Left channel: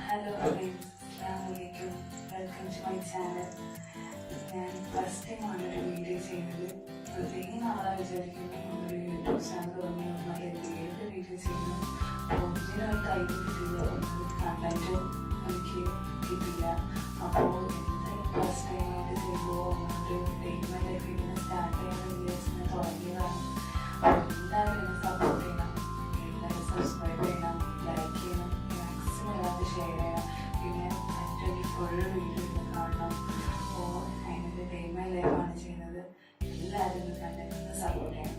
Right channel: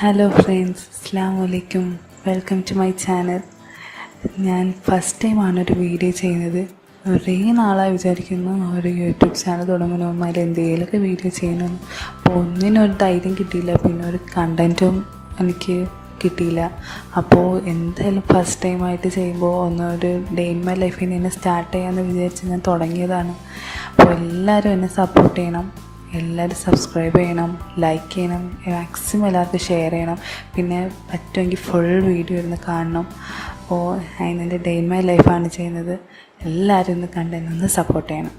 Hello friends, അസ്സലാമു അലൈക്കും. Welcome to my channel. ഞാൻ ഫസ്റ്റ് ടൈമാണ് ഒരു വീഡിയോ ചെയ്യുന്നത്. കുറേ നാളായി വിചാരിക്കുന്നു ഒരു യൂട്യൂബ് ചാനൽ തുടങ്ങണമെന്നും അതിൽ എന്തെങ്കിലുമൊക്കെ വീഡിയോ ചെയ്യണം. അപ്പോൾ ഒന്നിനൊരു ധൈര്യം കിട്ടിയില്ല, പിന്നെ ഒരു കണ്ടൻറ്റും എനിക്ക് കിട്ടിയില്ല. അപ്പോൾ എന്തായാലും ഫസ്റ്റ് ടൈമായിട്ട് ചെയ്യുമ്പോൾ ഒന്നൊരു ഡേ ഇൻ മൈ ലൈഫിൽ നിന്ന് സ്റ്റാർട്ട് ചെയ്യാമെന്ന് വിചാരിച്ച് ഞാൻ തുടങ്ങിയതാണ്. അപ്പോൾ എല്ലാവരും എന്നെ സപ്പോർട്ട് ചെയ്യണം, എല്ലാവരും സബ്സ്ക്രൈബ് ചെയ്യണം, ലൈക്ക് ചെയ്യണം, മാക്സിമം എല്ലാവർക്കും ഷെയർ ചെയ്യണം. പിന്നെ പറ്റുമെങ്കിൽ ഫുൾ വീഡിയോ ഇരുന്ന് കാണണം. അപ്പോൾ അതിനെൻ്റെ ഡേ ഇൻ മൈ ലൈഫാണ് ചെയ്യുന്നത്. എല്ലാവരും ഒന്ന് കണ്ടെന്ന് സപ്പോർട്ട് ചെയ്യണം.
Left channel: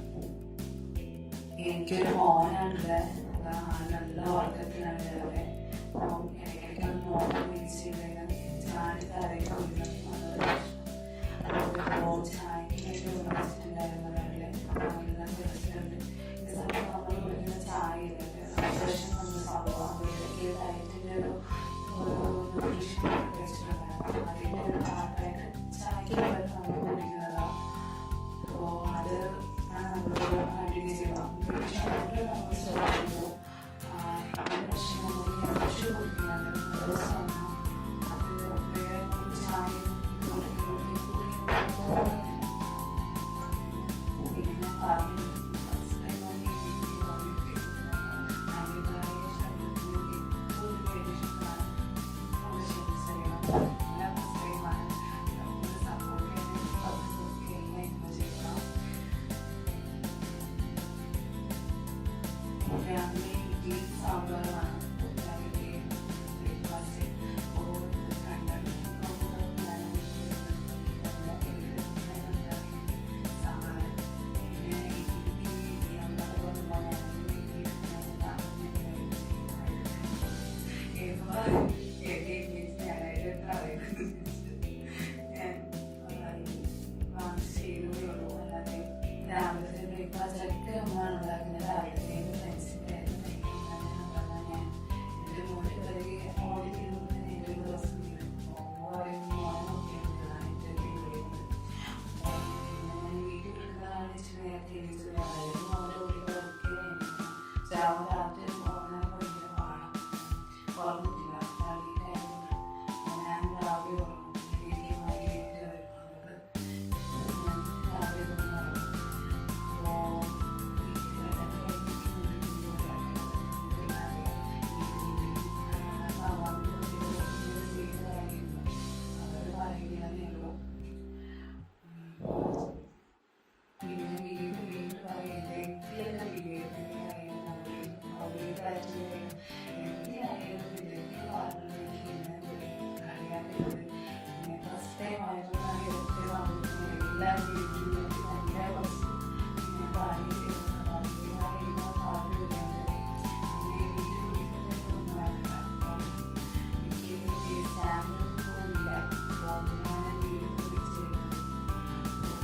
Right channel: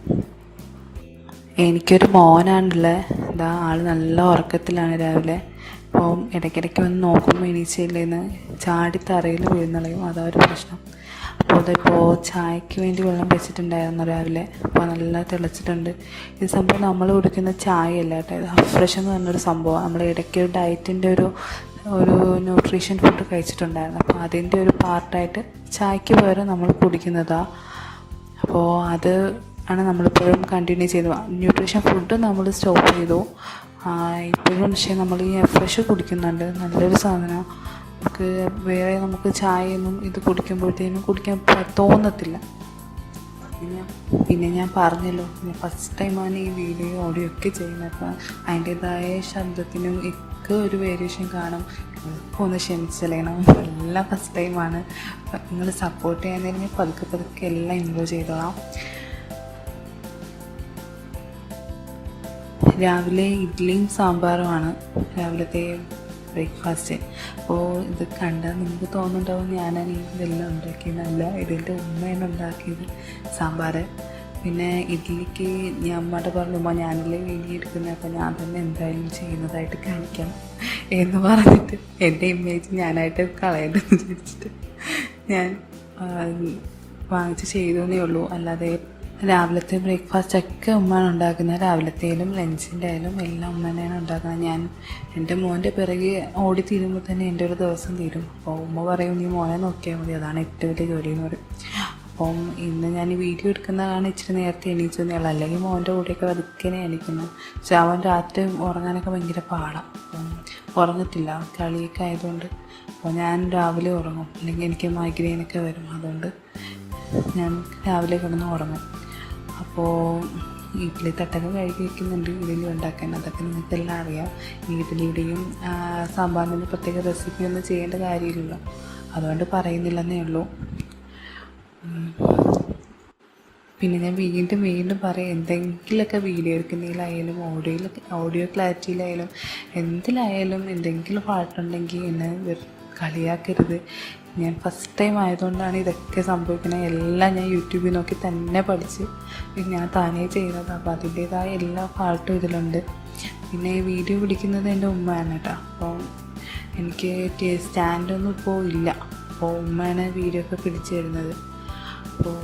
എനിക്കൊരു മോനാണുള്ളത്. ഇതാ ആൾ നല്ല ഉറക്കത്തിലാണ് രാവിലെ. അപ്പോൾ ഇടയ്ക്കിടയ്ക്ക് വന്ന് നോക്കുമ്പോൾ എണീച്ചില്ലേന്ന് ചാടി തറയിൽ വീഴുന്നളയും, അതൊരു പ്രശ്നം. അപ്പോൾ അതിപ്പോൾ ചായക്ക് വേണ്ടി വെള്ളം വെച്ചിട്ടുണ്ടായിരുന്നു രാവിലെ. അപ്പോൾ നല്ല തിളച്ചിട്ടുണ്ട്. ഇത് സംഭവം നമ്മൾ കുടിക്കുന്ന ചായയല്ല കേട്ടോ, ഇത് അഫ്രഷ് എന്ന് പറഞ്ഞൊരു സംഭവമാണ്. നമ്മൾ ഇടയ്ക്ക് ഡയറ്റിൻ്റെ ഒരു ന്യൂട്രീഷൻ ഫുഡ് കഴിച്ചിട്ടുണ്ടായിരുന്നു. അപ്പോൾ അതിൻ്റെ ഒരു പാർട്ടായിട്ട് ചായക്ക് പകരം നമ്മൾ കുടിക്കുന്നതാണ്. അപ്പോൾ അത് ആണ് നമ്മളിപ്പോഴും കണ്ടിന്യൂ ചെയ്തു. ന്യൂട്രീഷൻ ഫുഡ് നമ്മൾ സ്റ്റോപ്പ് ചെയ്തു. ഇപ്പോഴും പക്ഷേ നമ്മൾ ഈ ഫ്രഷ് കുടിക്കുന്നുണ്ട്. നല്ലൊരു സാധനം. നമുക്ക് ചായയൊന്നും ഇത് കുടിക്കുമ്പോഴത്തേനും കുടിക്കാൻ തോന്നത്തില്ല. പിന്നെ ഞാൻ പറഞ്ഞല്ലോ, ഞാൻ ഫസ്റ്റ് ടൈമാണ് ഈ വീഡിയോ ഓഡിയോ ഒക്കെ ചെയ്യുന്നത്. അപ്പം അതിൻ്റേതായ ശബ്ദത്തിനും ഒക്കെ ഒരു വേരിയേഷൻ കാണും. ഒന്ന് ക്ഷമിച്ചറിയണം, എല്ലാം ഫസ്റ്റ് ടൈമാണ്. നിങ്ങൾ സപ്പോർട്ട് ചെയ്യാൻ പതുക്കെ എല്ലാം ഇൻവോൾവ് ചെയ്തോളാം. രാവിലെ ഇഡ്ഡലിയും സാമ്പാറുമാണ് രാവിലത്തെ ബ്രേക്ക്ഫാസ്റ്റ്. അപ്പോൾ ഇത് കണ്ടാൽ നിങ്ങൾക്ക് തോന്നുന്നുണ്ടാവും ഞാനാണ് ഇതെല്ലാം ഉണ്ടാക്കിയതല്ല, ഇതിൻ്റെ ഉമ്മയാണ് ഉണ്ടാക്കിയത് സാമ്പാർ. പിന്നെ ഇഡ്ഡലിക്ക് ഞാൻ അമ്മയുടെ പറഞ്ഞു, ഞാനല്ലേ വീഡിയോ എടുക്കുന്നത്, അപ്പോൾ ഞാൻ തന്നെ എന്തായാലും ചെയ്യുന്നതായിട്ട് കാണിക്കാം എന്ന് പറഞ്ഞിട്ട് എൻ്റെ ഇമേജ് ഞാനായിട്ട് കളയേണ്ടതെന്ന് വിചാരിച്ചിട്ട് ഞാൻ വാങ്ങിച്ച് ചെയ്തേ ഉള്ളൂ. അല്ലാതെ രാവിലത്തെ ബ്രേക്ക്ഫാസ്റ്റൊക്കെ ഉമ്മയാണ് ഉണ്ടാക്കുന്നത്. രാവിലത്തേലും ലഞ്ചിൻ്റെ ആയാലും എല്ലാം ഉമ്മ തന്നെയാണ് ഉണ്ടാക്കുന്നത്. ഞാൻ എൻ്റെ മോൻ്റെ പിറകെ ഓടി തീരുമ്പോൾ തന്നെ എൻ്റെ ഒരു ദിവസം തീരും. അപ്പോൾ ഉമ്മ പറയും, നീ മോനെ നോക്കിയാൽ മതി, അതാണ് ഏറ്റവും വലിയ ജോലി എന്ന് പറയും. അപ്പം ഇന്ന് ഞാൻ ഈ വീഡിയോ എടുക്കുന്നതാണ് ഇച്ചിരി നേരത്തെ എണീച്ചെന്നേ ഉള്ളൂ. അല്ലെങ്കിൽ മോൻ്റെ കൂടെയൊക്കെ വതുക്കനെ എണീക്കുന്നു. പക്ഷെ അവൻ രാത്രി ഉറങ്ങാനൊക്കെ ഭയങ്കര പാടാണ്. ഉറങ്ങത്തില്ല, കളിയൊക്കെ ആയതുകൊണ്ട്. അപ്പോൾ ഞാൻ രാവിലെ ഉറങ്ങും, അല്ലെങ്കിൽ എനിക്ക് മൈഗ്രെയിനൊക്കെ വരും. അതുകൊണ്ട് ഞാൻ രാവിലെ കിടന്ന് ഉറങ്ങും. അപ്പോൾ ഇഡ്ഡലി തട്ടൊക്കെ കഴുകി വയ്ക്കുന്നുണ്ട്, ഇഡ്ഡലി ഉണ്ടാക്കാൻ. അതൊക്കെ നിങ്ങൾക്കെല്ലാം അറിയാം. ഇഡ്ഡലിയുടെയും സാമ്പാറിൻ്റെ പ്രത്യേക റെസിപ്പി ഒന്നും ചെയ്യേണ്ട കാര്യമില്ലല്ലോ, അതുകൊണ്ട് പറയുന്നില്ലെന്നേ ഉള്ളൂ. പിന്നെ ഞാൻ വീണ്ടും പറയാം, എന്തെങ്കിലുമൊക്കെ വീഡിയോ എടുക്കുന്നതിലായാലും ഓഡിയോ ക്ലാരിറ്റിയിലായാലും എന്തിലായാലും എന്തെങ്കിലും പാട്ടുണ്ടെങ്കിൽ എന്നെ കളിയാക്കരുത്. ഞാൻ ഫസ്റ്റ് ടൈം ആയതുകൊണ്ടാണ് ഇതൊക്കെ സംഭവിക്കുന്നത്. എല്ലാം ഞാൻ യൂട്യൂബിൽ നോക്കി തന്നെ പഠിച്ച് ഞാൻ താനേ ചെയ്യുന്നത്. അപ്പോൾ അതിൻ്റേതായ എല്ലാ പാട്ടും ഇതിലുണ്ട്. പിന്നെ വീഡിയോ പിടിക്കുന്നത് എൻ്റെ ഉമ്മയാണ് കേട്ടോ. അപ്പോൾ എനിക്ക് സ്റ്റാൻഡൊന്നും ഇപ്പോൾ ഇല്ല. അപ്പോൾ ഉമ്മയാണ് വീഡിയോ ഒക്കെ പിടിച്ചു തരുന്നത്. അപ്പോൾ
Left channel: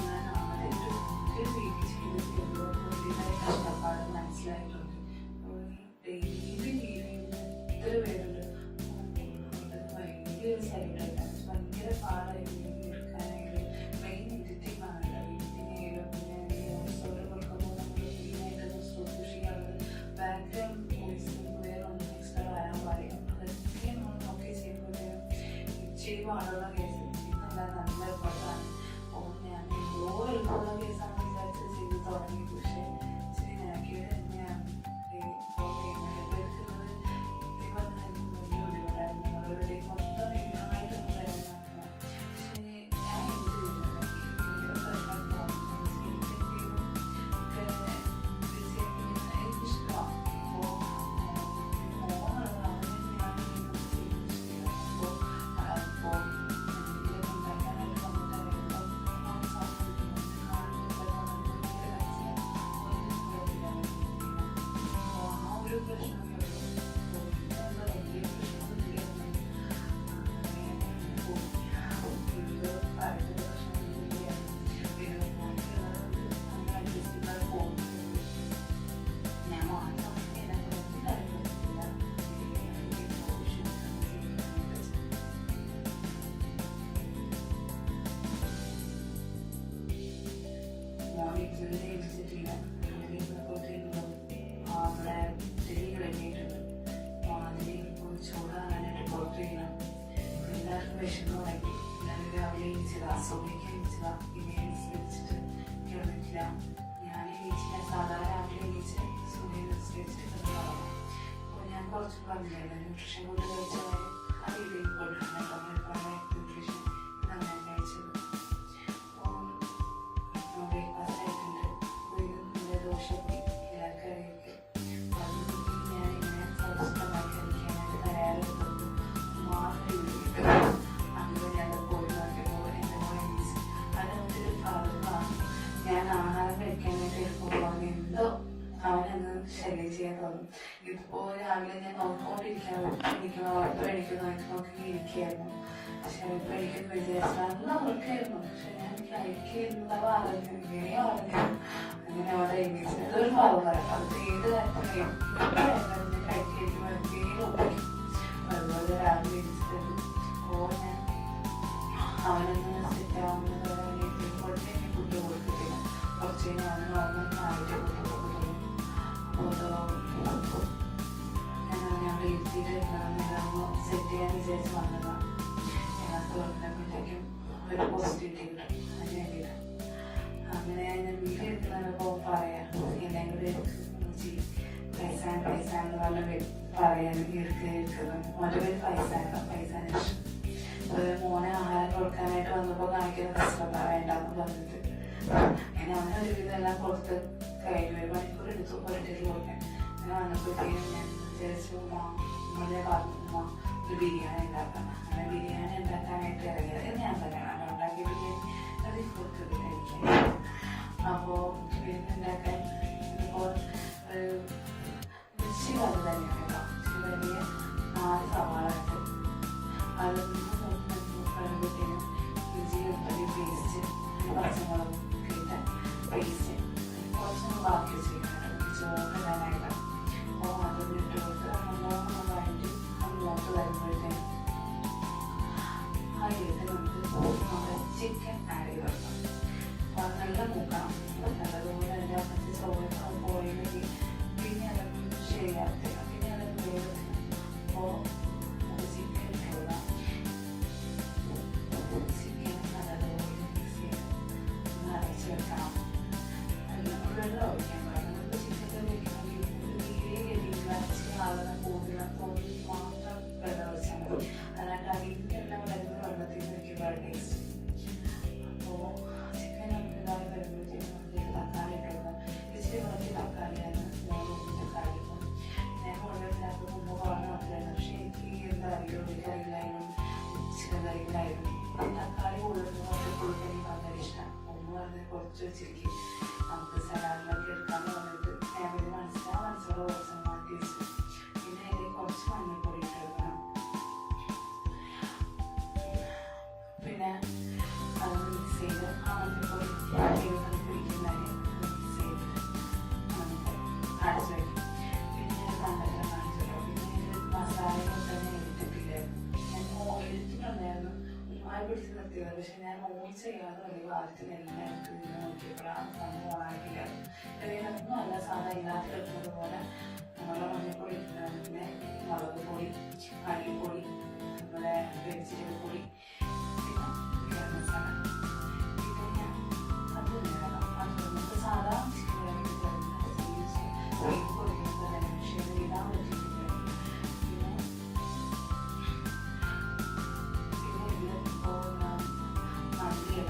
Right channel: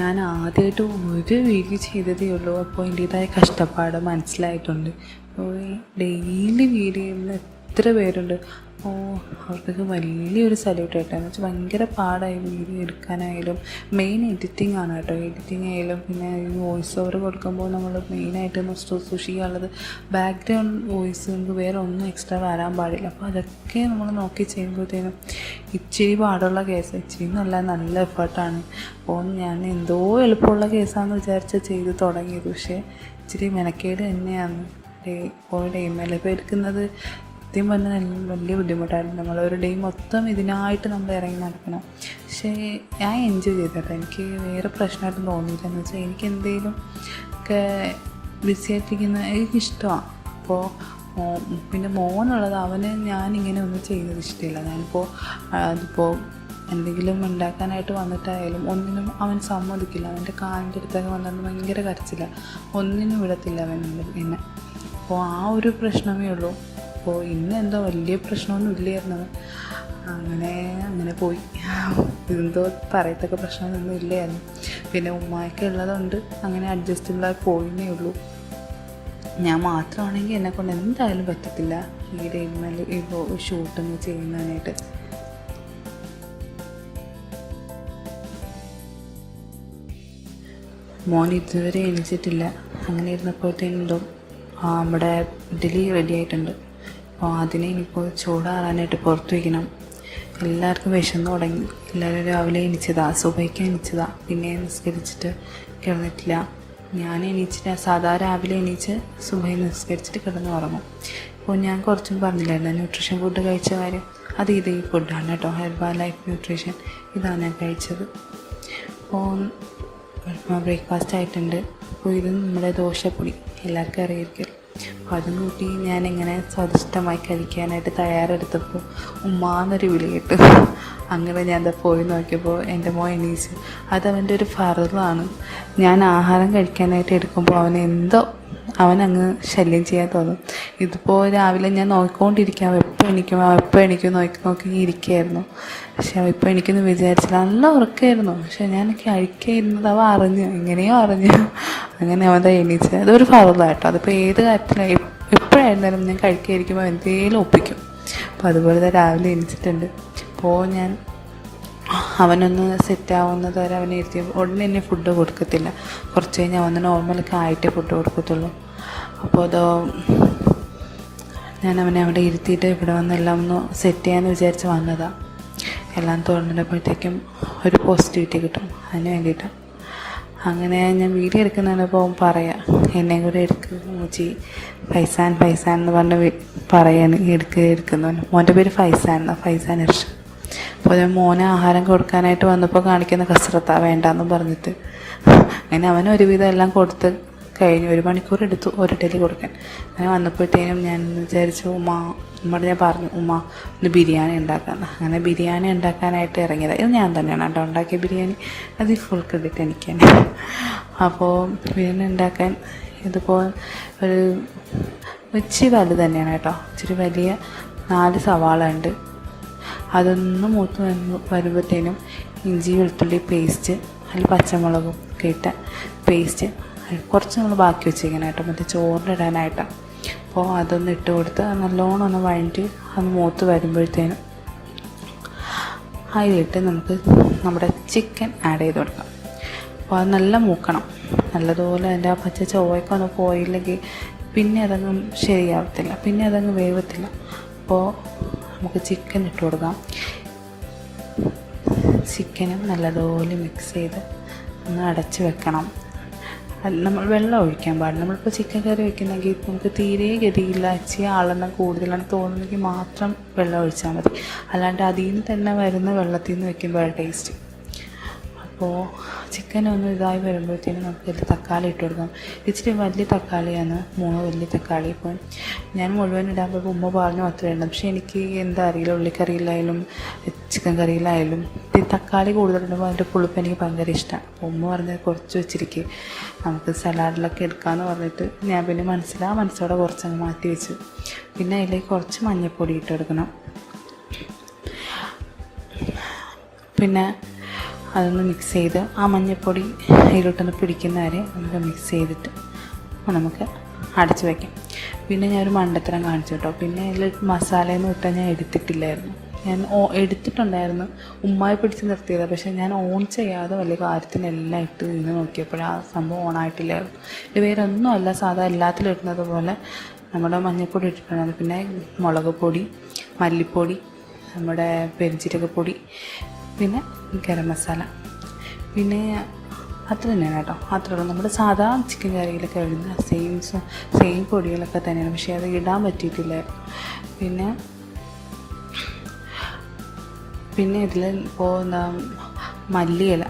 ഞാൻ ആദ്യമായിട്ട് ഒരു വീഡിയോ ചെയ്തതേ ഉള്ളൂ. അപ്പോൾ ഇതിൻ്റേതായ കഷ്ടപ്പാട് മനസ്സിലായിട്ടുണ്ട്. അപ്പോൾ ഡെയിലി വീഡിയോ ചെയ്യുന്ന എത്ര പേരുണ്ട്. അപ്പോൾ അവർക്കൊക്കെ വലിയൊരു സല്യൂട്ട് കേട്ടോ. എന്ന് വെച്ചാൽ ഭയങ്കര പാടായി വീഡിയോ എടുക്കാനായാലും. മെയിൻ എഡിറ്റിംഗ് ആണ് കേട്ടോ. എഡിറ്റിംഗ് ആയാലും പിന്നെ വോയിസ് ഓവർ കൊടുക്കുമ്പോൾ നമ്മൾ മെയിനായിട്ട് സൂക്ഷിക്കാനുള്ളത് ബാക്ക്ഗ്രൗണ്ട് വോയിസ്. നമുക്ക് വേറെ ഒന്നും എക്സ്ട്രാ വരാൻ പാടില്ല. അപ്പോൾ അതൊക്കെ നമ്മൾ നോക്കി ചെയ്യുമ്പോഴത്തേനും ഇച്ചിരി പാടുള്ള കേസ്, ഇച്ചിരി നല്ല എഫേർട്ടാണ്. അപ്പോൾ ഞാൻ എന്തോ എളുപ്പമുള്ള കേസാണെന്ന് വിചാരിച്ച് ചെയ്ത് തുടങ്ങിയത്. പക്ഷേ ഇച്ചിരി മെനക്കേട് തന്നെയാണ്. ഇപ്പോൾ ഡേ ഇപ്പോൾ എടുക്കുന്നത് സത്യം പറഞ്ഞാൽ വലിയ ബുദ്ധിമുട്ടായിരുന്നു. നമ്മളൊരു ഡേ മൊത്തം ഇതിനായിട്ട് നമ്മൾ ഇറങ്ങി നടക്കണം. പക്ഷേ ഞാൻ എൻജോയ് ചെയ്തിട്ട് എനിക്ക് വേറെ പ്രശ്നമായിട്ട് തോന്നിയില്ല. എന്ന് വെച്ചാൽ എനിക്ക് എന്തെങ്കിലും ഒക്കെ ബിസിയായിട്ടിരിക്കുന്ന എനിക്കിഷ്ടമാണ്. അപ്പോൾ പിന്നെ മോനുള്ളത്, അവന് ഞാനിങ്ങനെ ഒന്നും ചെയ്യുന്നത് ഇഷ്ടമില്ല. ഞാനിപ്പോൾ അതിപ്പോൾ എന്തെങ്കിലും ഉണ്ടാക്കാനായിട്ട് വന്നിട്ടായാലും ഒന്നിനും അവൻ സമ്മതിക്കില്ല. അവൻ്റെ കാലിൻ്റെ അടുത്തൊക്കെ വന്നിട്ട് ഭയങ്കര കരച്ചില്ല, ഒന്നിനും വിടത്തില്ല അവൻ പിന്നെ. അപ്പോൾ ആ ഒരു പ്രശ്നമേ ഉള്ളൂ. അപ്പോൾ ഇന്നെന്തോ വലിയ പ്രശ്നമൊന്നും ഇല്ലായിരുന്നു. അങ്ങനെ പോയി. എന്തോ പറയത്തക്ക പ്രശ്നമൊന്നും ഇല്ലായിരുന്നു. പിന്നെ ഉമ്മയൊക്കെ ഉള്ളതുകൊണ്ട് അങ്ങനെ അഡ്ജസ്റ്റബിളായി പോയിന്നേ ഉള്ളൂ. ഞാൻ മാത്രമാണെങ്കിൽ എന്നെക്കൊണ്ട് എന്തായാലും പറ്റത്തില്ല ഈ ഡെയിലിമേൽ ഇപ്പോൾ ഷൂട്ടൊന്നും ചെയ്യുന്നതിനായിട്ട്. മോൻ ഇതുവരെ എണീച്ചിട്ടില്ല. അങ്ങനെ ഇരുന്നപ്പോഴത്തേനും നമ്മുടെ ഇഡ്ഡലി റെഡി ആയിട്ടുണ്ട്. അപ്പോൾ അതിനെ ഇനിയിപ്പോൾ ചൂടാറാനായിട്ട് പുറത്ത് വയ്ക്കണം. എല്ലാവർക്കും വിശന്ന് തുടങ്ങി. എല്ലാവരും രാവിലെ എണീച്ചതാ, സുബഹിക്ക് എണീച്ചതാ, പിന്നെ നിസ്കരിച്ചിട്ട് കിടന്നിട്ടില്ല. ഞാൻ എണീച്ചിട്ട് സാധാ രാവിലെ എണീച്ച് സുബഹി നിസ്കരിച്ചിട്ട് കിടന്ന് ഉറങ്ങും. അപ്പോൾ ഞാൻ കുറച്ചും പറഞ്ഞില്ലായിരുന്നു ന്യൂട്രീഷൻ ഫുഡ് കഴിച്ച കാര്യം. അത് ഈ ഫുഡാണ് കേട്ടോ, ഹെർബൽ ലൈഫ് ന്യൂട്രീഷൻ. ഇതാണ് ഞാൻ കഴിച്ചത്. അപ്പോൾ ബ്രേക്ക്ഫാസ്റ്റ് ആയിട്ടുണ്ട്. അപ്പോൾ ഇത് നമ്മുടെ ദോശപ്പൊടി എല്ലാവർക്കും അറിയായിരിക്കും. അപ്പോൾ അതും കൂട്ടി ഞാനിങ്ങനെ സ്വാദിഷ്ടമായി കഴിക്കാനായിട്ട് തയ്യാറെടുത്തപ്പോൾ ഉമ്മാന്നൊരു വിളി കേട്ടു. അങ്ങനെ ഞാൻ എന്താ പോയി നോക്കിയപ്പോൾ എൻ്റെ മോൻ എണീച്ച്. അതവൻ്റെ ഒരു ഫറലാണ്. ഞാൻ ആഹാരം കഴിക്കാനായിട്ട് എടുക്കുമ്പോൾ അവനങ്ങ് ശല്യം ചെയ്യാൻ തോന്നും. ഇതിപ്പോൾ രാവിലെ ഞാൻ നോക്കിക്കൊണ്ടിരിക്കുക, എപ്പോൾ എണീക്കും നോക്കി ഇരിക്കുകയായിരുന്നു. പക്ഷെ ഇപ്പോൾ എനിക്കൊന്ന് വിചാരിച്ചില്ല, നല്ല ഉറക്കമായിരുന്നു. പക്ഷെ ഞാൻ കഴിക്കായിരുന്നത് എങ്ങനെയോ അറിഞ്ഞു. അങ്ങനെ അവൻ എണീച്ച്. അതൊരു ഫറലായിട്ടോ. അതിപ്പോൾ ഏത് കാര്യത്തിലും എപ്പോഴായിരുന്നാലും ഞാൻ കഴിക്കാതിരിക്കുമ്പോൾ എന്തെങ്കിലും ഒപ്പിക്കും. അപ്പോൾ അതുപോലെ തന്നെ രാവിലെ എണീച്ചിട്ടുണ്ട്. അപ്പോൾ ഞാൻ അവനൊന്ന് സെറ്റാവുന്നത് വരെ അവനെ ഇരുത്തി ഉടനെ തന്നെ ഫുഡ് കൊടുക്കത്തില്ല. കുറച്ച് കഴിഞ്ഞ് അവന് നോർമലൊക്കെ ആയിട്ടേ ഫുഡ് കൊടുക്കത്തുള്ളൂ. അപ്പോൾ ഞാൻ അവനെ അവിടെ ഇരുത്തിയിട്ട് ഇവിടെ വന്നെല്ലാം ഒന്ന് സെറ്റ് ചെയ്യാമെന്ന് വിചാരിച്ച് വന്നതാണ്. എല്ലാം തുറന്നിട്ടപ്പോഴത്തേക്കും ഒരു പോസിറ്റിവിറ്റി കിട്ടും, അതിന് വേണ്ടിയിട്ട്. അങ്ങനെ ഞാൻ വീഡിയോ എടുക്കുന്നതിനപ്പോൾ പറയാം, എന്നെയും കൂടെ മൂച്ചി ഫൈസാൻ എന്ന് പറഞ്ഞ് പറയാൻ എടുക്കുന്നു. മോൻ്റെ പേര് ഫൈസാൻ ഇർഷ. അപ്പോൾ ഞാൻ മോനെ ആഹാരം കൊടുക്കാനായിട്ട് വന്നപ്പോൾ കാണിക്കുന്ന കസരത്താണ് വേണ്ടാന്ന് പറഞ്ഞിട്ട്. അങ്ങനെ അവന് ഒരുവിധം എല്ലാം കൊടുത്ത് കഴിഞ്ഞു. 1 മണിക്കൂർ എടുത്തു ഒരു ഇഡ്ഡലി കൊടുക്കാൻ. അങ്ങനെ വന്നപ്പോഴത്തേനും ഞാൻ വിചാരിച്ചു ഉമ്മയോട് ഞാൻ പറഞ്ഞു, ഉമ്മ ഒന്ന് ബിരിയാണി ഉണ്ടാക്കാമെന്ന്. അങ്ങനെ ബിരിയാണി ഉണ്ടാക്കാനായിട്ട് ഇറങ്ങിയത്. ഇത് ഞാൻ തന്നെയാണ് കേട്ടോ ഉണ്ടാക്കിയ ബിരിയാണി. അത് ഫുൾ ക്രെഡിറ്റ് എനിക്കാണ്. അപ്പോൾ ബിരിയാണി ഉണ്ടാക്കാൻ ഇതിപ്പോൾ ഒരു ഇച്ചിരി വലുത് തന്നെയാണ് കേട്ടോ. ഇച്ചിരി വലിയ 4 സവാള ഉണ്ട്. അതൊന്ന് മൂത്ത് വരുമ്പോഴത്തേനും ഇഞ്ചി വെളുത്തുള്ളി പേസ്റ്റ്, അതിൽ പച്ചമുളകും ഒക്കെ ഇട്ട പേസ്റ്റ് കുറച്ച് നമ്മൾ ബാക്കി വെച്ചിരിക്കണം കേട്ടോ, മറ്റേ ചോറിനിടാനായിട്ടാണ്. അപ്പോൾ അതൊന്ന് ഇട്ട് കൊടുത്ത് നല്ലോണം ഒന്ന് വഴറ്റി അത് മൂത്ത് വരുമ്പോഴത്തേനും അതിലിട്ട് നമുക്ക് നമ്മുടെ ചിക്കൻ ആഡ് ചെയ്ത് കൊടുക്കാം. അപ്പോൾ അത് നല്ല മൂക്കണം. നല്ലതുപോലെ അതിൻ്റെ ആ പച്ച ചൊവ്വയൊക്കെ ഒന്ന് പോയില്ലെങ്കിൽ പിന്നെ അതങ്ങ് ശരിയാവത്തില്ല, പിന്നെ അതങ്ങ് വേവത്തില്ല. അപ്പോൾ നമുക്ക് ചിക്കൻ ഇട്ട് കൊടുക്കാം. ചിക്കനും നല്ലതുപോലെ മിക്സ് ചെയ്ത് ഒന്ന് അടച്ച് വെക്കണം. നമ്മൾ വെള്ളം ഒഴിക്കാൻ പാടില്ല. നമ്മളിപ്പോൾ ചിക്കൻ കറി വയ്ക്കുന്നെങ്കിൽ നമുക്ക് തീരെ ഗതിയില്ല, ഇച്ചിരി ആളെണ്ണം കൂടുതലാണ് തോന്നുന്നെങ്കിൽ മാത്രം വെള്ളം ഒഴിച്ചാൽ മതി. അല്ലാണ്ട് അതിൽ നിന്ന് തന്നെ വരുന്ന വെള്ളത്തിൽ നിന്ന് വയ്ക്കുമ്പോഴാണ് ടേസ്റ്റ്. അപ്പോൾ ചിക്കൻ ഒന്ന് ഇതായി വരുമ്പോഴത്തേനും നമുക്ക് തക്കാളി ഇട്ട് കൊടുക്കാം. ഇച്ചിരി വലിയ തക്കാളിയാണ്, 3 വലിയ തക്കാളി. ഇപ്പം ഞാൻ മുഴുവൻ ഇടാൻ പോയപ്പോൾ ഉമ്മ പറഞ്ഞു അത്ര വേണ്ട. പക്ഷേ എനിക്ക് എന്താ അറിയില്ല, ഉള്ളിക്കറിയിലായാലും ചിക്കൻ കറിയിലായാലും ഈ തക്കാളി കൂടുതലിടുമ്പോൾ അതിൻ്റെ പുളിപ്പ് എനിക്ക് ഭയങ്കര ഇഷ്ടമാണ്. അപ്പോൾ ഉമ്മ പറഞ്ഞത് കുറച്ച് വെച്ചിരിക്കുക, നമുക്ക് സലാഡിലൊക്കെ എടുക്കാമെന്ന് പറഞ്ഞിട്ട് ഞാൻ പിന്നെ മനസ്സോടെ കുറച്ചങ്ങ് മാറ്റി വെച്ചു. പിന്നെ അതിലേക്ക് കുറച്ച് മഞ്ഞൾപ്പൊടി ഇട്ട് കൊടുക്കണം. പിന്നെ അതൊന്ന് മിക്സ് ചെയ്ത് ആ മഞ്ഞൾപ്പൊടി അതിലോട്ടൊന്ന് പിടിക്കുന്നവരെ നമുക്ക് മിക്സ് ചെയ്തിട്ട് നമുക്ക് അടച്ച് വയ്ക്കാം. പിന്നെ ഞാനൊരു മണ്ടത്തരം കാണിച്ചു കേട്ടോ. പിന്നെ അതിൽ മസാലയെന്ന് വിട്ടാൽ ഞാൻ എടുത്തിട്ടില്ലായിരുന്നു. ഞാൻ എടുത്തിട്ടുണ്ടായിരുന്നു, ഉമ്മായി പിടിച്ച് നിർത്തിയത്. പക്ഷേ ഞാൻ ഓൺ ചെയ്യാതെ വലിയ കാര്യത്തിനെല്ലാം ഇട്ട് നിന്ന് നോക്കിയപ്പോൾ ആ സംഭവം ഓണായിട്ടില്ലായിരുന്നു. ഇത് വേറെ ഒന്നുമല്ല, സാധാ എല്ലാത്തിലും ഇടുന്നത് പോലെ നമ്മുടെ മഞ്ഞൾപ്പൊടി ഇട്ടിട്ടുണ്ടായിരുന്നു. പിന്നെ മുളക് പൊടി, മല്ലിപ്പൊടി, നമ്മുടെ പെരുംജീരകപ്പൊടി, പിന്നെ ഗരം മസാല, പിന്നെ അത്ര തന്നെയാണ് കേട്ടോ. അത്രയുള്ളൂ. നമ്മുടെ സാധാ ചിക്കൻ കറിയിലൊക്കെ ഇടുന്ന സെയിം പൊടികളൊക്കെ തന്നെയാണ്. പക്ഷേ അത് ഇടാൻ പറ്റിയിട്ടില്ലായിരുന്നു. പിന്നെ ഇതിൽ ഇപ്പോൾ മല്ലിയില,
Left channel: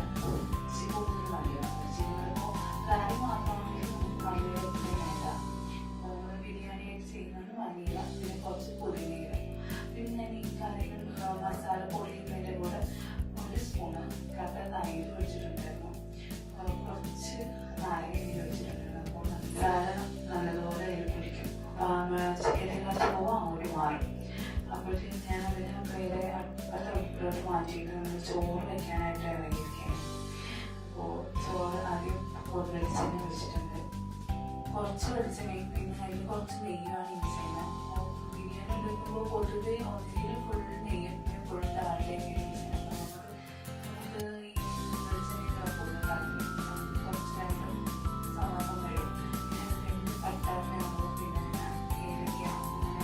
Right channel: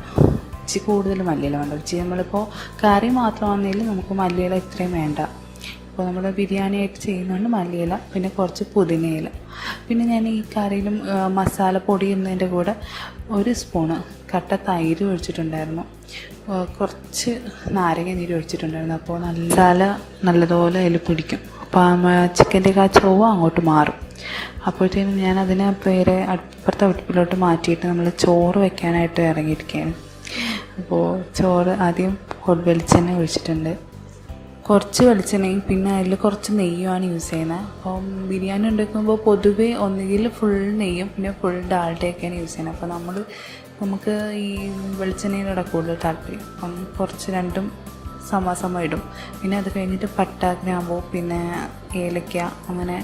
ഇച്ചിരി കൂടുതൽ മല്ലിയില വേണ്ട. നമ്മളിപ്പോൾ കറി മാത്രമാണെങ്കിലും നമുക്ക് മല്ലിയില ഇത്രയും വേണ്ട. അപ്പോൾ നമ്മൾ ബിരിയാണി ആയിട്ട് ചെയ്യുന്നതുകൊണ്ട് മല്ലിയില, പിന്നെ കുറച്ച് പുതിനയില. പിന്നെ ഞാൻ ഈ കറിയിലും മസാലപ്പൊടി എന്നതിൻ്റെ കൂടെ 1 സ്പൂണ് കട്ട തൈര് ഒഴിച്ചിട്ടുണ്ടായിരുന്നു, കുറച്ച് നാരങ്ങ നീര് ഒഴിച്ചിട്ടുണ്ടായിരുന്നു. അപ്പോൾ മസാല നല്ലതുപോലെ അതിൽ പിടിക്കും. അപ്പോൾ ചിക്കൻ്റെ ആ ചൊവ്വ അങ്ങോട്ട് മാറും. അപ്പോഴത്തേനും ഞാൻ അതിനെ വേറെ അപ്പുറത്തെ അടുപ്പിലോട്ട് മാറ്റിയിട്ട് നമ്മൾ ചോറ് വയ്ക്കാനായിട്ട് ഇറങ്ങിയിരിക്കുകയാണ്. അപ്പോൾ ചോറ് ആദ്യം വെളിച്ചെണ്ണ ഒഴിച്ചിട്ടുണ്ട്, കുറച്ച് വെളിച്ചെണ്ണയും പിന്നെ അതിൽ കുറച്ച് നെയ്യുമാണ് യൂസ് ചെയ്യുന്നത്. അപ്പം ബിരിയാണി ഉണ്ടാക്കുമ്പോൾ പൊതുവേ ഒന്നുകിൽ ഫുൾ നെയ്യും പിന്നെ ഫുൾ ഡാൽഡയൊക്കെയാണ് യൂസ് ചെയ്യുന്നത്. അപ്പോൾ നമുക്ക് ഈ വെളിച്ചെണ്ണയിലൂടെ കൂടുതൽ താല്പര്യം. അപ്പം കുറച്ച് രണ്ടും സമ ഇടും. പിന്നെ അത് കഴിഞ്ഞിട്ട് പട്ട, ഗ്രാമ്പൂ, പിന്നെ ഏലക്ക അങ്ങനെ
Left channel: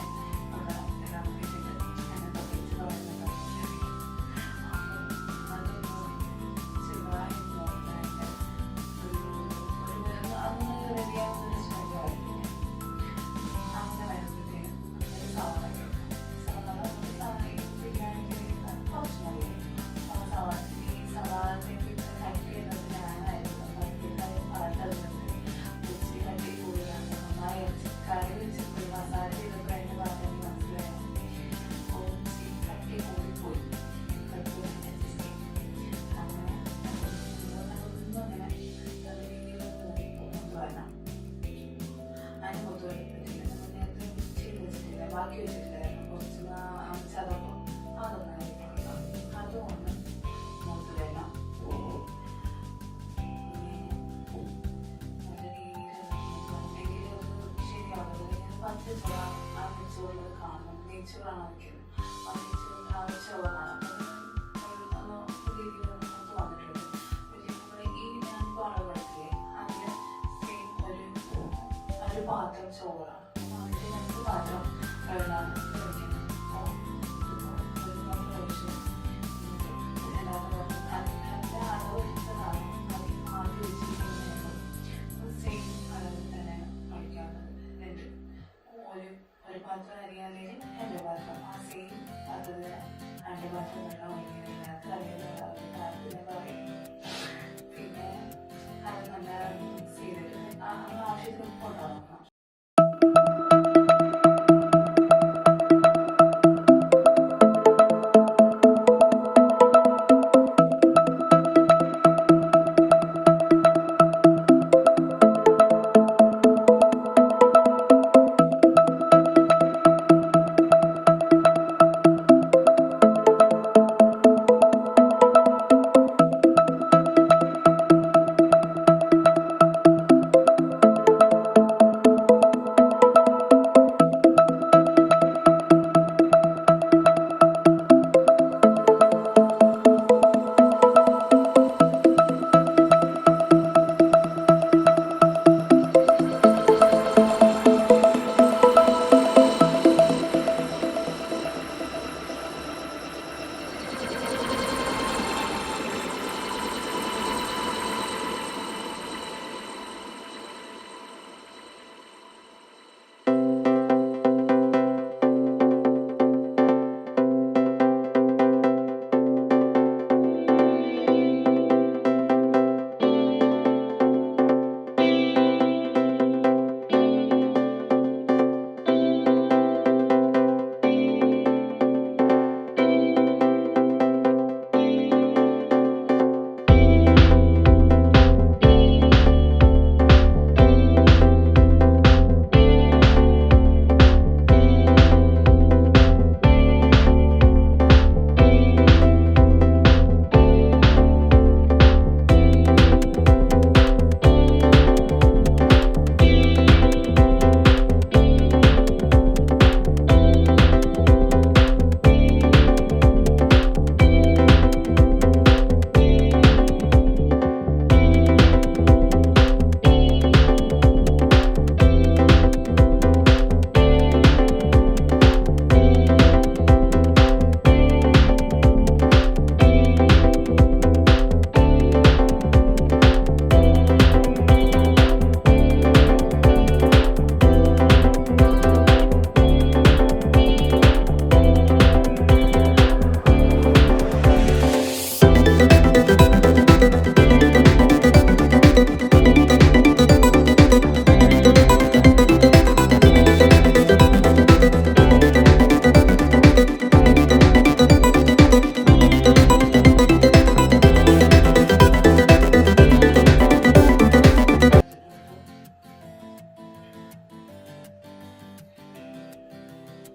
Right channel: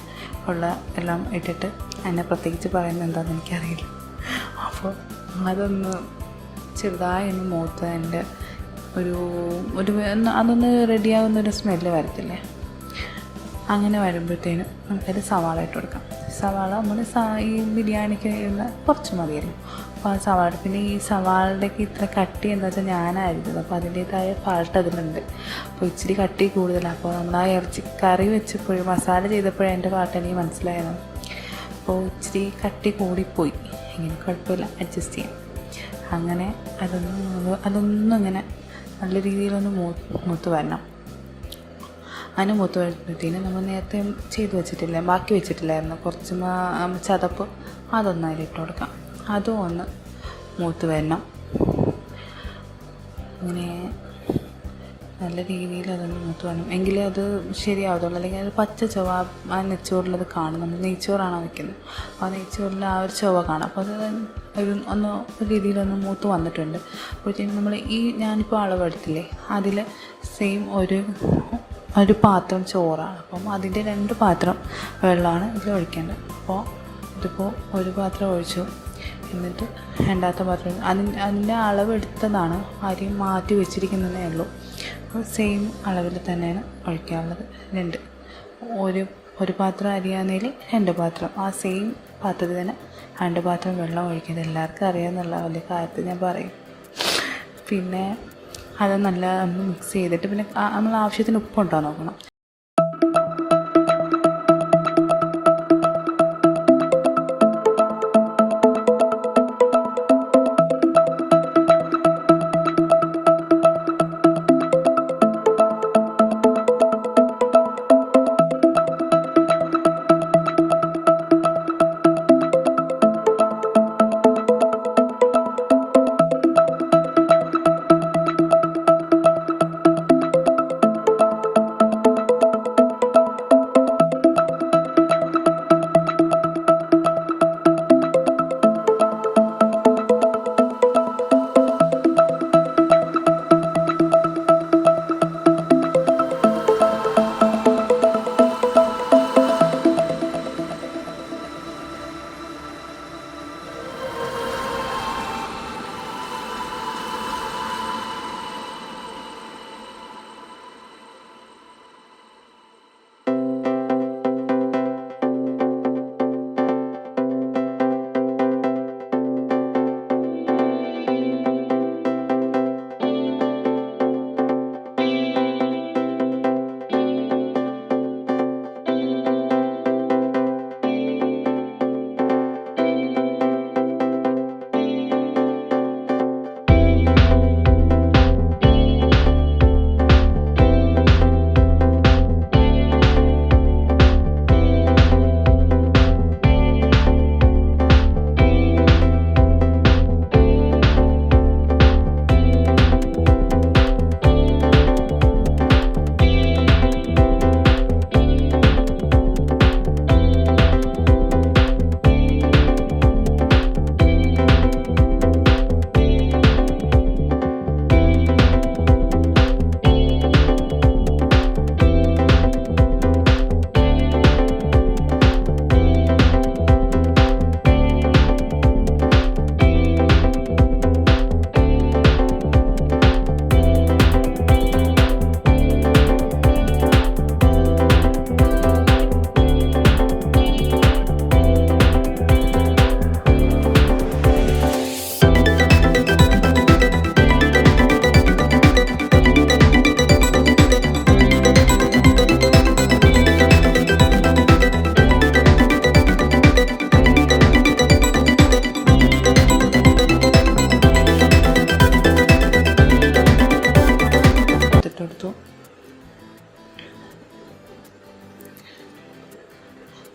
ഉള്ള എല്ലാം ഇട്ടിട്ട് എന്നെ പ്രത്യേകിച്ച് പറയുന്നത് എന്താണെന്ന് എനിക്കറിയില്ല. അപ്പോൾ അതൊന്ന് ചെറുതായി ഒന്ന് മൂത്ത് എൻ്റെ അതൊന്ന് റെഡിയാവുന്നൊരു സ്മെല്ല് വരത്തില്ലേ, അങ്ങനെ വരുമ്പോഴത്തേനും നമുക്കത് സവാള ഇട്ട് കൊടുക്കാം. സവാള നമ്മൾ ഈ ബിരിയാണിക്ക് കുറച്ച് മതിയല്ലോ. അപ്പോൾ ആ സവാള, പിന്നെ ഈ സവാളയുടെയൊക്കെ ഇത്ര കട്ടി എന്താ വെച്ചാൽ ഞാനായിരുന്നു, അപ്പോൾ അതിൻ്റേതായ പാട്ട് അതിലുണ്ട്. അപ്പോൾ ഇച്ചിരി കട്ടി കൂടുതലാണ്. അപ്പോൾ നമ്മൾ ആ ഇറച്ചി കറി വെച്ചപ്പോഴും മസാല ചെയ്തപ്പോഴും എൻ്റെ പാട്ട് എനിക്ക് മനസ്സിലായിരുന്നു. അപ്പോൾ ഇച്ചിരി കട്ടി കൂടിപ്പോയി, ഇങ്ങനെ കുഴപ്പമില്ല, അഡ്ജസ്റ്റ് ചെയ്യാം. അങ്ങനെ അതൊന്നും അങ്ങനെ നല്ല രീതിയിലൊന്ന് മൂത്ത് വരണം. അതിന് മൂത്ത് വരുമ്പോഴത്തേനും നമ്മൾ നേരത്തെ ബാക്കി വെച്ചിട്ടില്ലായിരുന്നു കുറച്ച് ചതപ്പ്, അതൊന്ന് അതിലിട്ട് കൊടുക്കാം. അതും ഒന്ന് മൂത്ത് വരണം. അങ്ങനെ നല്ല രീതിയിൽ അതൊന്ന് മൂത്ത് വരണം, എങ്കിലേ അത് ശരിയാവത്തുള്ളൂ. അല്ലെങ്കിൽ അത് പച്ച ചുവ ആ നെയ്ച്ചോറിലത് കാണും. നമ്മൾ നെയ്ച്ചോറാണോ വയ്ക്കുന്നത്, അപ്പോൾ നെയ്ച്ചോറിൽ ആ ഒരു ചുവ കാണാം. അപ്പോൾ അത് ഒരു രീതിയിലൊന്ന് മൂത്ത് വന്നിട്ടുണ്ട്. അപ്പോഴത്തേക്കും നമ്മൾ ഞാനിപ്പോൾ അളവെടുത്തില്ലേ, അതിൽ സെയിം ഒരു പാത്രം ചോറാണ്. അപ്പം അതിൻ്റെ 2 പാത്രം വെള്ളമാണ് ഇതിൽ ഒഴിക്കേണ്ടത്. അപ്പോൾ ഇതിപ്പോൾ ഒരു പാത്രം ഒഴിച്ചു, എന്നിട്ട് രണ്ടാമത്തെ പാത്രം അതിൻ്റെ അളവെടുത്തതാണ്, അരി മാറ്റി വെച്ചിരിക്കുന്നതേ ഉള്ളൂ. അപ്പോൾ സെയിം അളവിൽ തന്നെയാണ് ഒഴിക്കാനുള്ളത്. ഒരു പാത്രം അരിയാന്നതിൽ 2 പാത്രം, ആ സെയിം പാത്രത്തിൽ തന്നെ 2 പാത്രം വെള്ളം ഒഴിക്കുന്നത് എല്ലാവർക്കും അറിയാമെന്നുള്ള വലിയ കാര്യത്തിൽ ഞാൻ പറയും. പിന്നെ അത് നല്ല മിക്സ് ചെയ്തിട്ട് പിന്നെ നമ്മൾ ആവശ്യത്തിന് ഉപ്പുണ്ടോ നോക്കണം.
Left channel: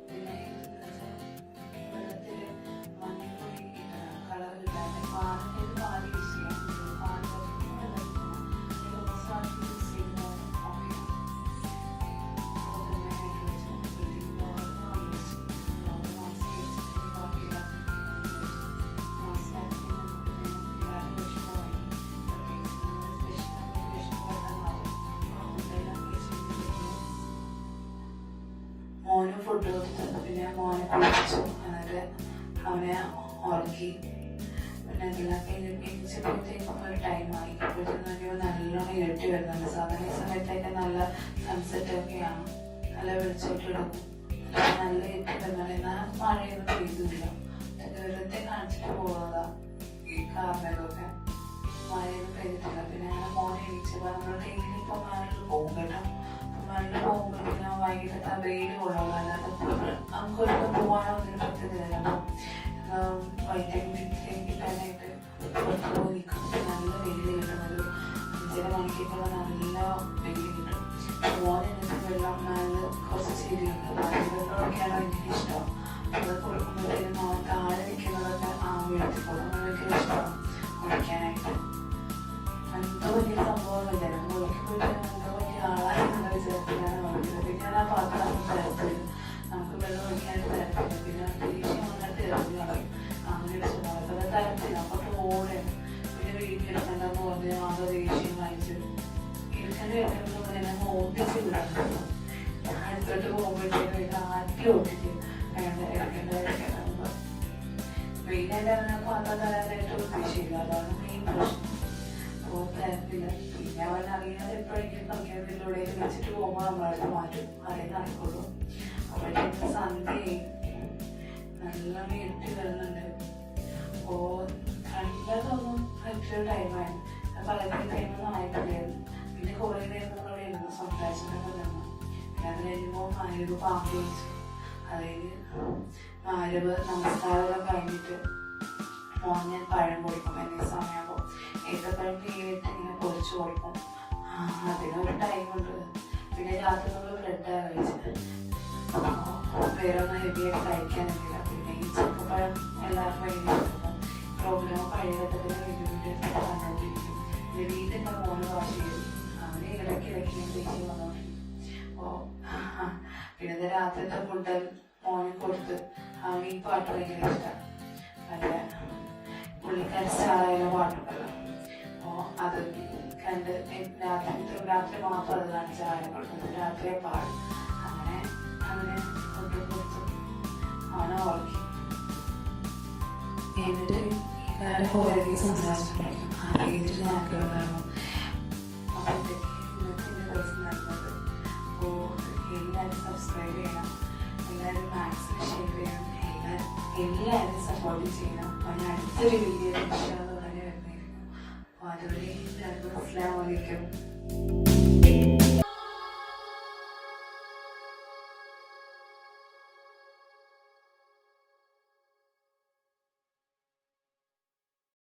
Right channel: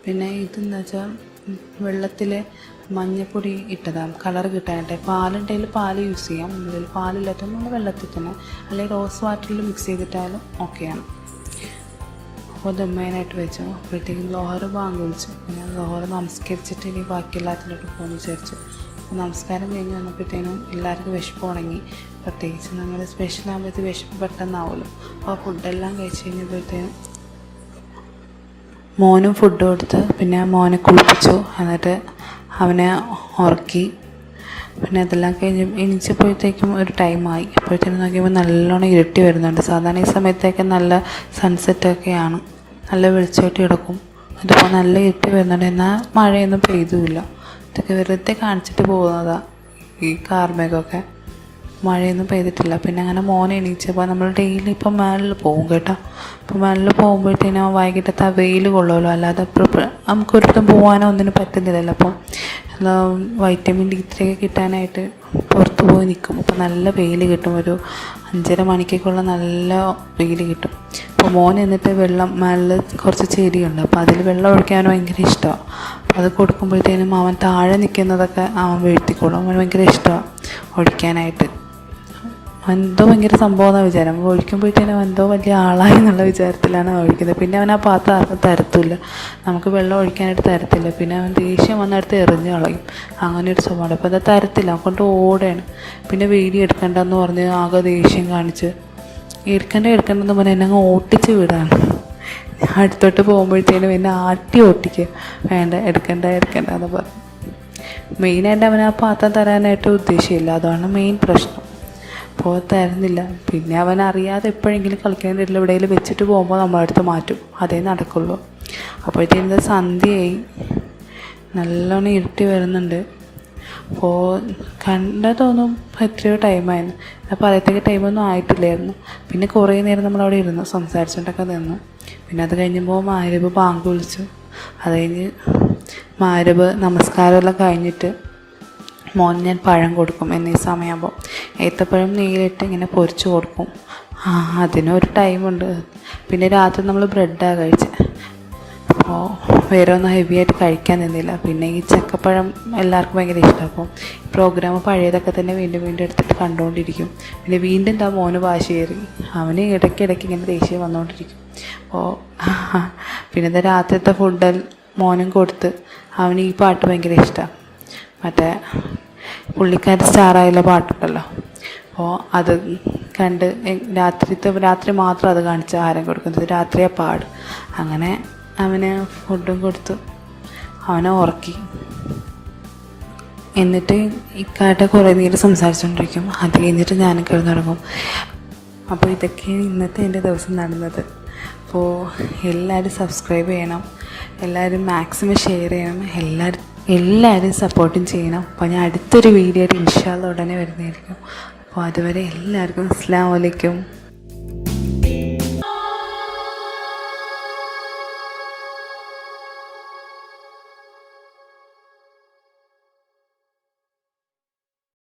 പിന്നെ ഇതെന്ന് വെച്ചാൽ വെള്ളത്തിൽ മഞ്ഞൾപ്പൊടി ഇട്ടതാണ് കളർ കിട്ടാനായിട്ട്. പാലുണ്ടെങ്കിൽ പാൽ യൂസ് ചെയ്യാം, പാലില്ലാത്ത നമ്മൾ വെള്ളത്തിൽ തന്നെ, അല്ലെങ്കിൽ റോസ് വാട്ടറിൽ മിക്സ് ചെയ്തിട്ടാലും ഓക്കെയാണ്. അപ്പോൾ ദമ്മേനായിട്ട് വെച്ചു. അപ്പോഴത്തേക്കും ലോഹറ് ബാങ്ക് വിളിച്ചു. ഞാൻ ലോഹറ് നമസ്കരിച്ചിട്ട് ഇനി ബാക്കി എല്ലാത്തിനോട്ട് പോകുന്നു വിചാരിച്ചു. നമസ്കാരം കഴിഞ്ഞ് വന്നപ്പോഴത്തേനും എല്ലാവർക്കും വിശപ്പ് ഉണങ്ങി. പ്രത്യേകിച്ച് നമ്മൾ സ്പെഷ്യൽ ആകുമ്പോഴത്തേക്ക് വിശപ്പ് പെട്ടെന്നാവുമല്ലോ. അപ്പോൾ ഫുഡെല്ലാം കഴിച്ച് കഴിഞ്ഞപ്പോഴത്തേനും മോനും ഫുഡ് കൊടുത്ത് പിന്നെ മോനെ കുളിപ്പിച്ചു. എന്നിട്ട് അവനെ ഉറക്കി. പിന്നെ അതെല്ലാം കഴിഞ്ഞ് എണീച്ചപ്പോഴത്തേക്കും ഒരു ടൈമായി. അപ്പോഴത്തേനും നോക്കിയപ്പോൾ നല്ലോണം ഇരുട്ടി വരുന്നുണ്ട്. സാധാരണ ഈ സമയത്തൊക്കെ നല്ല സൺസെറ്റൊക്കെയാണ്, നല്ല വെളിച്ചമായിട്ട് കിടക്കും. ഇതിപ്പോൾ നല്ല ഇരുട്ടി വരുന്നുണ്ട്, എന്നാൽ മഴയൊന്നും പെയ്തുമില്ല. ഇതൊക്കെ വെറുതെ കാണിച്ചിട്ട് പോകുന്നതാണ് ഈ കാർമേഘമൊക്കെ. മഴയൊന്നും പെയ്തിട്ടില്ല. പിന്നെ അങ്ങനെ മോനെ എണീച്ചപ്പോൾ നമ്മൾ ഡെയിലി ഇപ്പം മേളിൽ പോകും കേട്ടോ. അപ്പോൾ മേളിൽ പോകുമ്പോഴത്തേനും വൈകിട്ടത്തെ ആ വെയിൽ കൊള്ളുമല്ലോ, അല്ലാതെ നമുക്കൊരിടത്തും പോകാനോ ഒന്നിനും പറ്റുന്നില്ലല്ലോ. അപ്പം വൈറ്റമിൻ D3 ഒക്കെ കിട്ടാനായിട്ട് പുറത്ത് പോയി നിൽക്കും. അപ്പോൾ നല്ല വെയിൽ കിട്ടും, ഒരു 5:30 മണിക്കൊക്കെയുള്ള നല്ല വെയിൽ കിട്ടും. അപ്പോൾ മോൻ എന്നിട്ട് വെള്ളം മേളിൽ കുറച്ച് ചെടിയുണ്ട്, അപ്പോൾ അതിൽ വെള്ളം ഒഴിക്കാൻ ഭയങ്കര ഇഷ്ടമാണ്. അപ്പോൾ അത് കൊടുക്കുമ്പോഴത്തേനും അവൻ താഴെ നിൽക്കുന്നതൊക്കെ അവൻ വീഴ്ത്തിക്കോളും. അവൻ ഭയങ്കര ഇഷ്ടമാണ് ഒഴിക്കാനായിട്ട്. എന്തോ ഭയങ്കര സംഭവം എന്നാണ് വിചാരം. ഒഴിക്കുമ്പോഴത്തേനും എന്തോ വലിയ ആളായി എന്നുള്ള വിചാരത്തിലാണ് ഒഴിക്കുന്നത്. പിന്നെ അവൻ ആ പാത്രം ആർക്കും തരത്തില്ല, നമുക്ക് വെള്ളം ഒഴിക്കാനായിട്ട് തരത്തില്ല. പിന്നെ അവൻ ദേഷ്യം വന്നെടുത്ത് എറിഞ്ഞ് കളയും. അങ്ങനെ ഒരു സ്വഭാവമാണ്. അപ്പോൾ അത് തരത്തില്ല, അവൻ കൊണ്ട് ഓടുകയാണ്. പിന്നെ വീഡിയോ എടുക്കണ്ടെന്ന് പറഞ്ഞ് ആകെ ദേഷ്യം കാണിച്ച് എടുക്കണ്ടെന്ന് പറഞ്ഞാൽ എന്നെ അങ്ങ് ഓട്ടിച്ച് വിടാണ്. അടുത്തോട്ട് പോകുമ്പോഴത്തേനും എന്നെ ആട്ടി ഓട്ടിക്കുക, വേണ്ട എടുക്കണ്ട എന്ന് പറഞ്ഞു. മെയിനായിട്ട് അവൻ ആ പാത്രം തരാനായിട്ട് ഉദ്ദേശമില്ല, അതാണ് മെയിൻ പ്രശ്നം. അപ്പോൾ തരുന്നില്ല. പിന്നെ അവൻ അറിയാതെ എപ്പോഴെങ്കിലും കളിക്കാൻ തരില്ല, എവിടെയെങ്കിലും വെച്ചിട്ട് പോകുമ്പോൾ നമ്മളടുത്ത് മാറ്റും, അതേ നടക്കുള്ളൂ. അപ്പോഴത്തേക്കും സന്ധ്യയായി, നല്ലോണം ഇരുട്ടി വരുന്നുണ്ട്. അപ്പോൾ തോന്നും എത്രയോ ടൈമായിരുന്നു. അപ്പോൾ പറയത്തേക്ക് ടൈമൊന്നും ആയിട്ടില്ലായിരുന്നു. പിന്നെ കുറേ നേരം നമ്മളവിടെ ഇരുന്നു സംസാരിച്ചുകൊണ്ടൊക്കെ നിന്നു. പിന്നെ അത് കഴിഞ്ഞപ്പോൾ മഗ്‌രിബ് ബാങ്ക് വിളിച്ചു. അത് കഴിഞ്ഞ് മഗ്‌രിബ് നമസ്കാരമെല്ലാം കഴിഞ്ഞിട്ട് മോൻ ഞാൻ പഴം കൊടുക്കും എന്നീ സമയമാകുമ്പോൾ. ഏത്തപ്പഴം നെയ്യിലിട്ട് ഇങ്ങനെ പൊരിച്ച് കൊടുക്കും. അതിനൊരു ടൈമുണ്ട്. പിന്നെ രാത്രി നമ്മൾ ബ്രെഡാണ് കഴിച്ചത്. അപ്പോൾ വേറെ ഒന്നും ഹെവി ആയിട്ട് കഴിക്കാൻ നിന്നില്ല. പിന്നെ ഈ ചക്കപ്പഴം എല്ലാവർക്കും ഭയങ്കര ഇഷ്ടമാണ്. അപ്പോൾ പ്രോഗ്രാം പഴയതൊക്കെ തന്നെ വീണ്ടും എടുത്തിട്ട് കണ്ടുകൊണ്ടിരിക്കും. പിന്നെ വീണ്ടും മോന് വാശി കയറി. അവന് ഇടയ്ക്കിടയ്ക്ക് ഇങ്ങനെ ദേഷ്യം വന്നുകൊണ്ടിരിക്കും. അപ്പോൾ പിന്നെ രാത്രിത്തെ ഫുഡ് മോനും കൊടുത്ത്. അവന് ഈ പാട്ട് ഭയങ്കര ഇഷ്ടമാണ്, മറ്റേ പുള്ളിക്കാരി സ്റ്റാറായുള്ള പാട്ടുണ്ടല്ലോ. അപ്പോൾ അത് കണ്ട് രാത്രി മാത്രം അത് കാണിച്ച് ആഹാരം കൊടുക്കുന്നത്, രാത്രിയെ പാട്. അങ്ങനെ അവന് ഫുഡും കൊടുത്തു, അവനെ ഉറക്കി. എന്നിട്ട് ഇക്കാട്ട് കുറേ നേരം സംസാരിച്ചുകൊണ്ടിരിക്കും. അത് കഴിഞ്ഞിട്ട് ഞാനും കിടന്നുറങ്ങും. അപ്പോൾ ഇതൊക്കെ ഇന്നത്തെ എൻ്റെ ദിവസം നടന്നത്. അപ്പോൾ എല്ലാവരും സബ്സ്ക്രൈബ് ചെയ്യണം, എല്ലാവരും മാക്സിമം ഷെയർ ചെയ്യണം, എല്ലാവരും സപ്പോർട്ടും ചെയ്യണം. അപ്പോൾ ഞാൻ അടുത്തൊരു വീഡിയോ ആയിട്ട് ഇൻഷാ അല്ലാഹ് ഉടനെ വരുന്നതായിരിക്കും. അപ്പോൾ അതുവരെ എല്ലാവർക്കും അസ്സലാമു അലൈക്കും.